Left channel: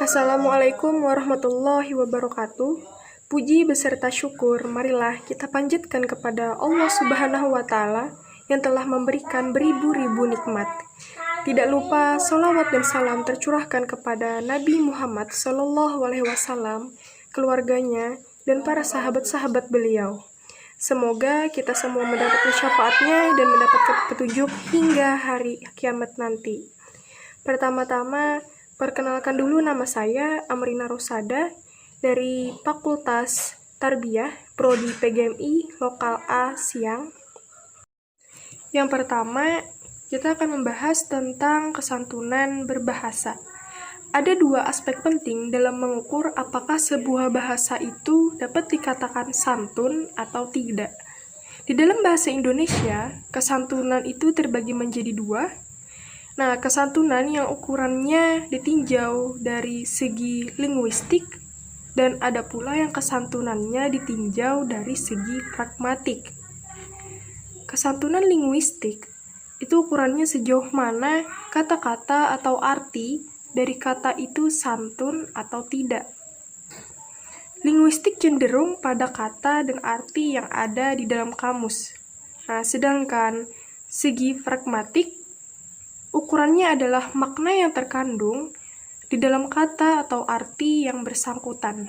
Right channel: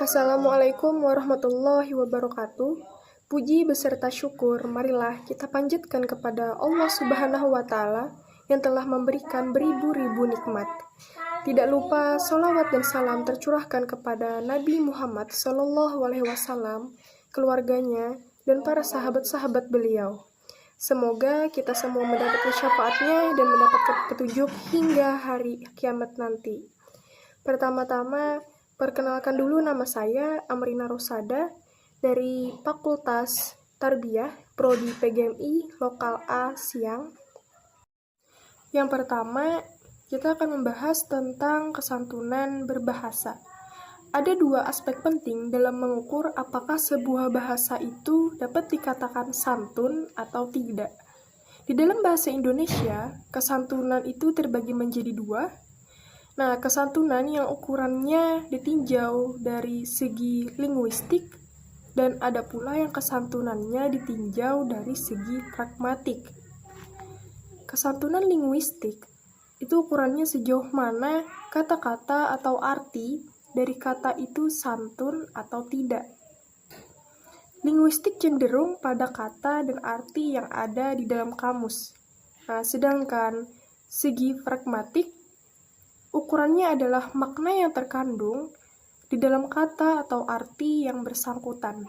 Assalamualaikum warahmatullahi wabarakatuh. Puji beserta syukur, marilah kita panjatkan kepada Allah Subhanahu wa Ta'ala yang telah memberikan beribu-ribu nikmat. Tidak lupa salawat dan salam tercurahkan kepada Nabi Muhammad SAW, keluarganya, dan para sahabat-sahabat beliau. Semoga kita semua mendapatkan syafaatnya dan mendapatkan petunjuk hingga hari kiamat nanti. Pertama-tama, perkenalkan dulu, nama saya Amrina Rosada dari Fakultas Tarbiyah Prodi PGMI Lokal A Siang. Yang pertama, kita akan membahas tentang kesantunan berbahasa. Ada dua aspek penting dalam mengukur apakah sebuah bahasa itu dapat dikatakan santun atau tidak. Di dalam bahasa Indonesia, kesantunan itu terbagi menjadi dua. Nah, kesantunan yang ukurannya ditinjau dari segi linguistik, dan ada pula yang kesantunannya ditinjau dari segi pragmatik. Kesantunan linguistik itu ukurannya sejauh mana kata-kata atau arti dari kata itu santun atau tidak. Linguistik cenderung pada kata dan arti yang ada di dalam kamus. Nah, sedangkan segi pragmatik ukurannya adalah makna yang terkandung di dalam kata atau arti yang bersangkutan.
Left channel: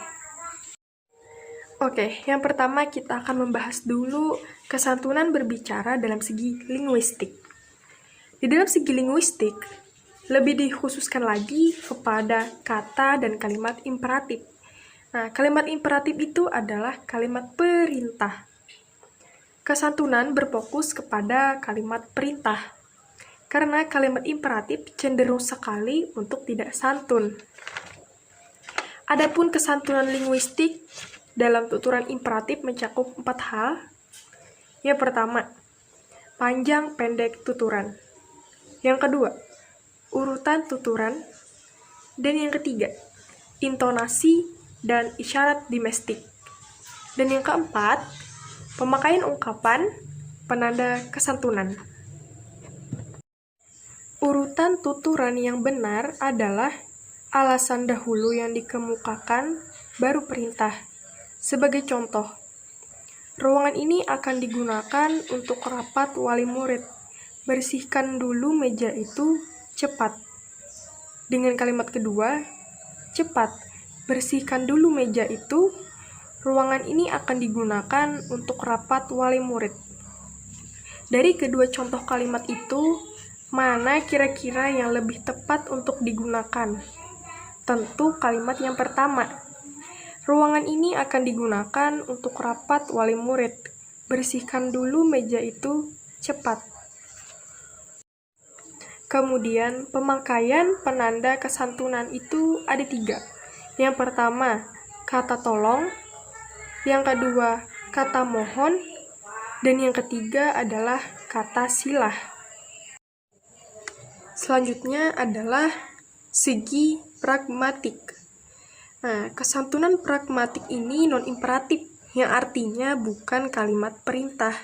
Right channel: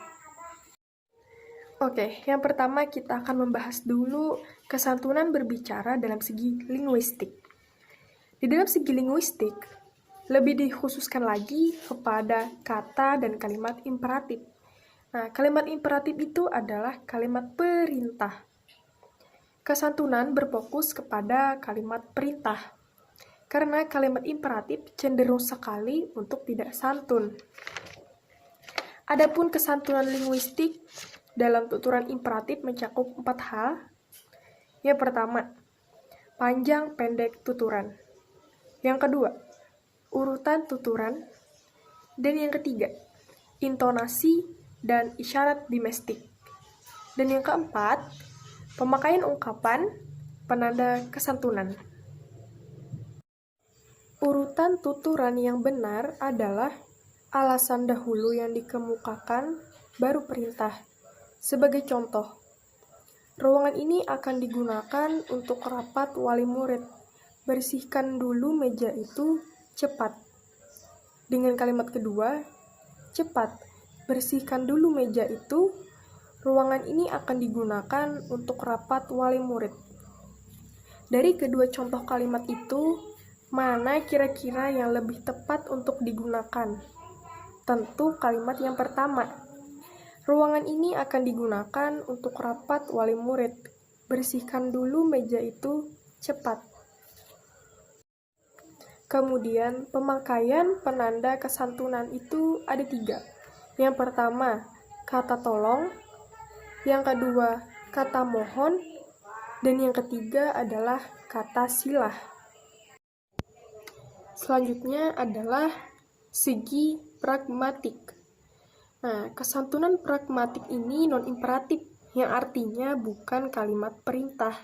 Oke, yang pertama kita akan membahas dulu kesantunan berbicara dalam segi linguistik. Di dalam segi linguistik, lebih dikhususkan lagi kepada kata dan kalimat imperatif. Nah, kalimat imperatif itu adalah kalimat perintah. Kesantunan berfokus kepada kalimat perintah, karena kalimat imperatif cenderung sekali untuk tidak santun. Adapun kesantunan linguistik dalam tuturan imperatif mencakup 4 hal. Yang pertama, panjang pendek tuturan. Yang kedua, urutan tuturan. Dan yang ketiga, intonasi dan isyarat domestik. Dan yang keempat, pemakaian ungkapan penanda kesantunan. Urutan tuturan yang benar adalah alasan dahulu yang dikemukakan, baru perintah. Sebagai contoh, ruangan ini akan digunakan untuk rapat wali murid. Bersihkan dulu meja itu, cepat. Dengan kalimat kedua, cepat. Bersihkan dulu meja itu, ruangan ini akan digunakan untuk rapat wali murid. Dari kedua contoh kalimat itu, mana kira-kira yang lebih tepat untuk digunakan? Tentu kalimat yang pertama. Ruangan ini akan digunakan untuk rapat wali murid. Bersihkan dulu meja itu, cepat. Kemudian, pemakaian penanda kesantunan itu ada 3. Yang pertama, kata tolong. Yang kedua, kata mohon. Dan yang ketiga adalah kata silah. Selanjutnya adalah segi pragmatik. Nah, kesantunan pragmatik ini non-imperatif, yang artinya bukan kalimat perintah.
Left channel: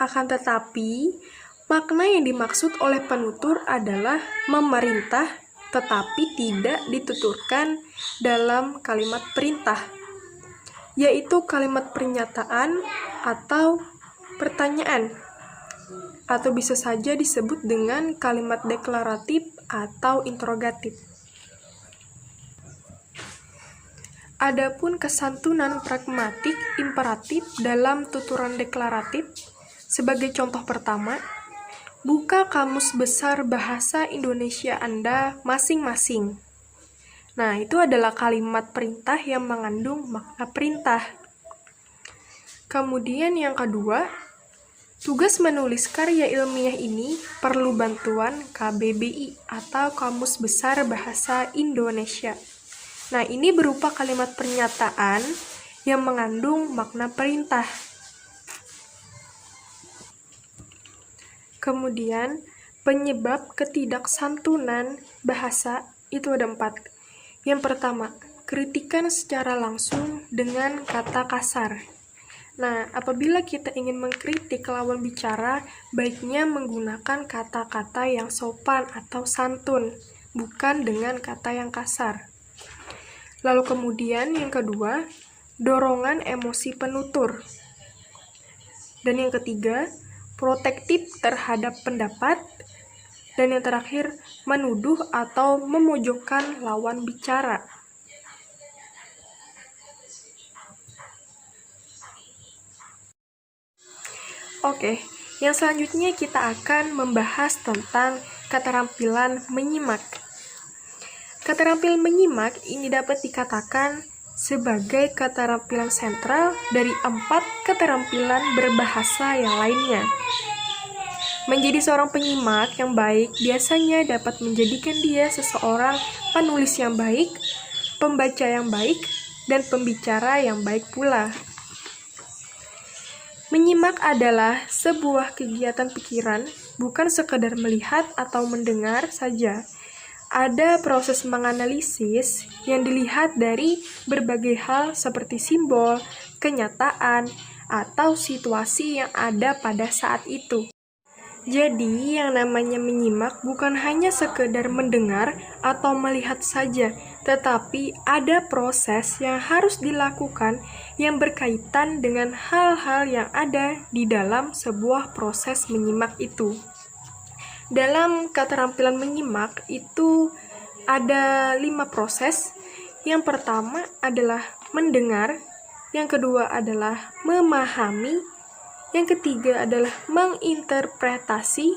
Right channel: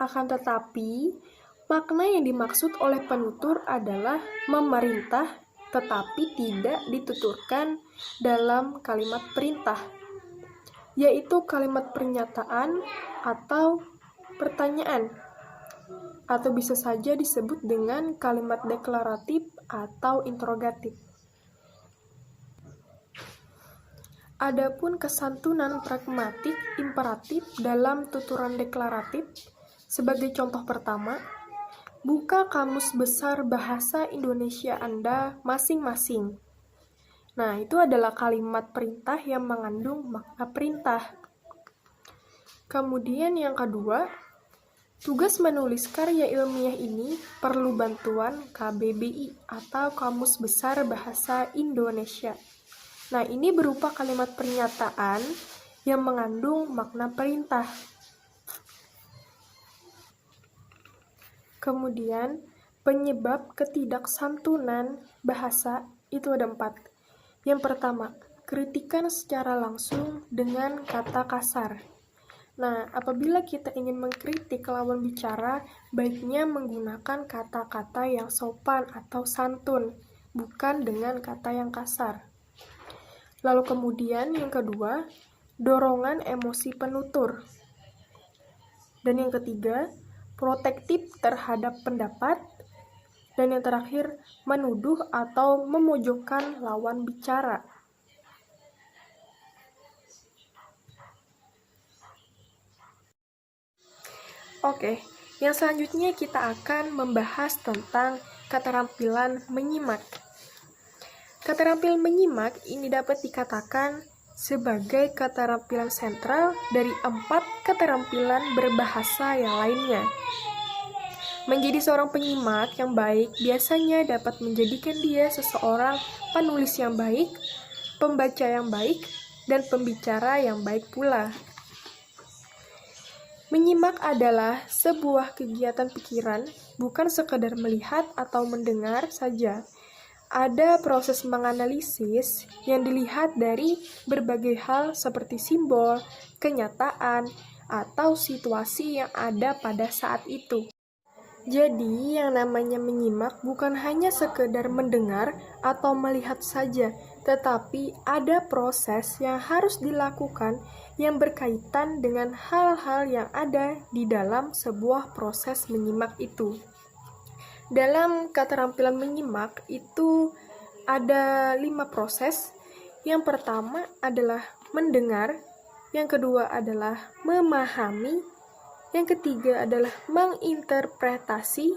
Akan tetapi, makna yang dimaksud oleh penutur adalah memerintah, tetapi tidak dituturkan dalam kalimat perintah, yaitu kalimat pernyataan atau pertanyaan, atau bisa saja disebut dengan kalimat deklaratif atau interrogatif. Adapun kesantunan pragmatik imperatif dalam tuturan deklaratif, sebagai contoh pertama, buka kamus besar bahasa Indonesia Anda masing-masing. Nah, itu adalah kalimat perintah yang mengandung makna perintah. Kemudian yang kedua, tugas menulis karya ilmiah ini perlu bantuan KBBI atau Kamus Besar Bahasa Indonesia. Nah, ini berupa kalimat pernyataan yang mengandung makna perintah. Kemudian, penyebab ketidaksantunan bahasa itu ada 4. Yang pertama, kritikan secara langsung dengan kata kasar. Nah, apabila kita ingin mengkritik lawan bicara, baiknya menggunakan kata-kata yang sopan atau santun, bukan dengan kata yang kasar. Lalu kemudian yang kedua, dorongan emosi penutur. Dan yang ketiga, protektif terhadap pendapat. Dan yang terakhir, menuduh atau memojokkan lawan bicara. Oke, yang selanjutnya kita akan membahas tentang keterampilan menyimak. Keterampilan menyimak ini dapat dikatakan sebagai keterampilan sentral dari 4 keterampilan berbahasa yang lainnya. Menjadi seorang penyimak yang baik biasanya dapat menjadikan dia seseorang penulis yang baik, pembaca yang baik, dan pembicara yang baik pula. Menyimak adalah sebuah kegiatan pikiran, bukan sekadar melihat atau mendengar saja. Ada proses menganalisis yang dilihat dari berbagai hal seperti simbol, kenyataan, atau situasi yang ada pada saat itu. Jadi, yang namanya menyimak bukan hanya sekedar mendengar atau melihat saja, tetapi ada proses yang harus dilakukan yang berkaitan dengan hal-hal yang ada di dalam sebuah proses menyimak itu. Dalam keterampilan menyimak itu ada 5 proses. Yang pertama adalah mendengar, yang kedua adalah memahami, yang ketiga adalah menginterpretasi,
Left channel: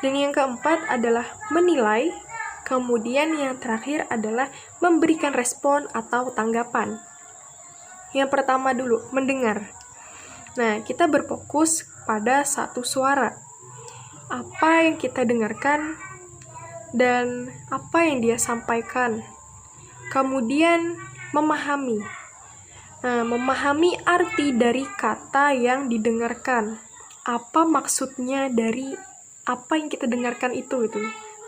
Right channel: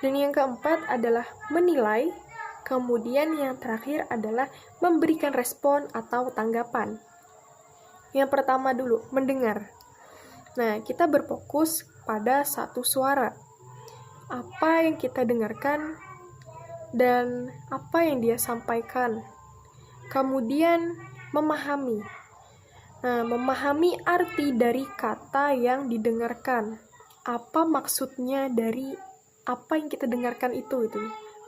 dan yang keempat adalah menilai, kemudian yang terakhir adalah memberikan respon atau tanggapan. Yang pertama dulu, mendengar. Nah, kita berfokus pada satu suara. Apa yang kita dengarkan dan apa yang dia sampaikan. Kemudian memahami. Nah, memahami arti dari kata yang didengarkan. Apa maksudnya dari apa yang kita dengarkan itu.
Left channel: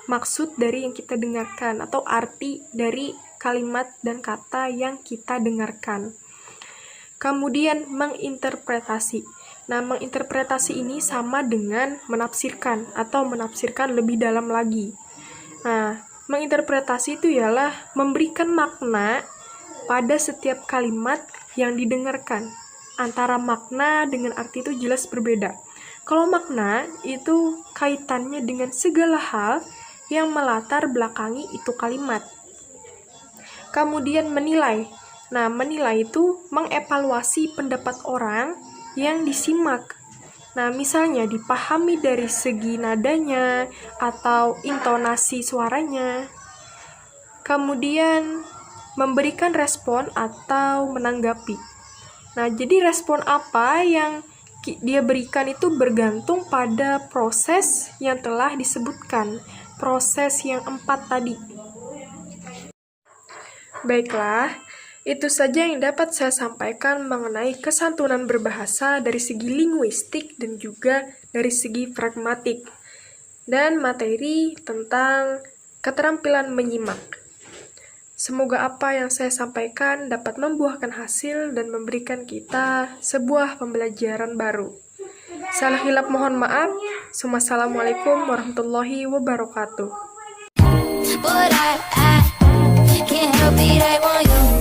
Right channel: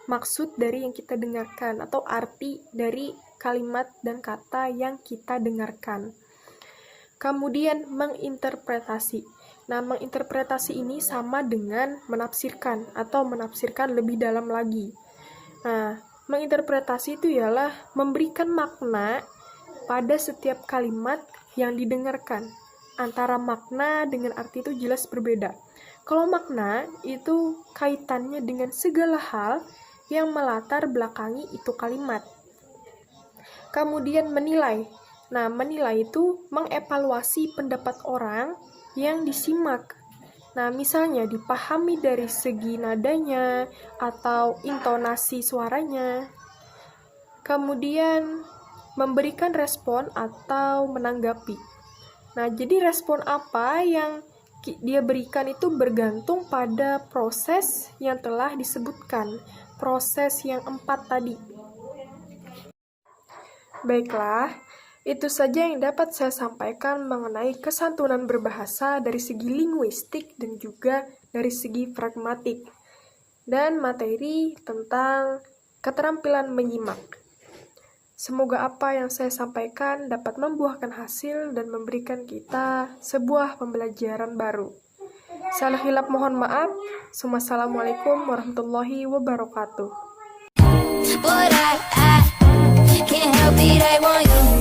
Maksud dari yang kita dengarkan atau arti dari kalimat dan kata yang kita dengarkan. Kemudian menginterpretasi. Nah, menginterpretasi ini sama dengan menafsirkan atau menafsirkan lebih dalam lagi. Nah, menginterpretasi itu ialah memberikan makna pada setiap kalimat yang didengarkan. Antara makna dengan arti itu jelas berbeda. Kalau makna itu kaitannya dengan segala hal yang melatar belakangi itu kalimat. Kemudian menilai. Nah, menilai itu mengevaluasi pendapat orang yang disimak. Nah, misalnya dipahami dari segi nadanya atau intonasi suaranya. Kemudian memberikan respon atau menanggapi. Nah, jadi respon apa yang dia berikan itu bergantung pada proses yang telah disebutkan, proses yang 4 tadi. Baiklah, itu saja yang dapat saya sampaikan mengenai kesantunan berbahasa dari segi linguistik dan juga dari segi pragmatik, dan materi tentang keterampilan menyimak. Semoga apa yang saya sampaikan dapat membuahkan hasil dan memberikan kita sebuah pembelajaran baru. Salah hilap mohon maaf. Wassalamualaikum warahmatullahi wabarakatuh. But I can't help it, I want you.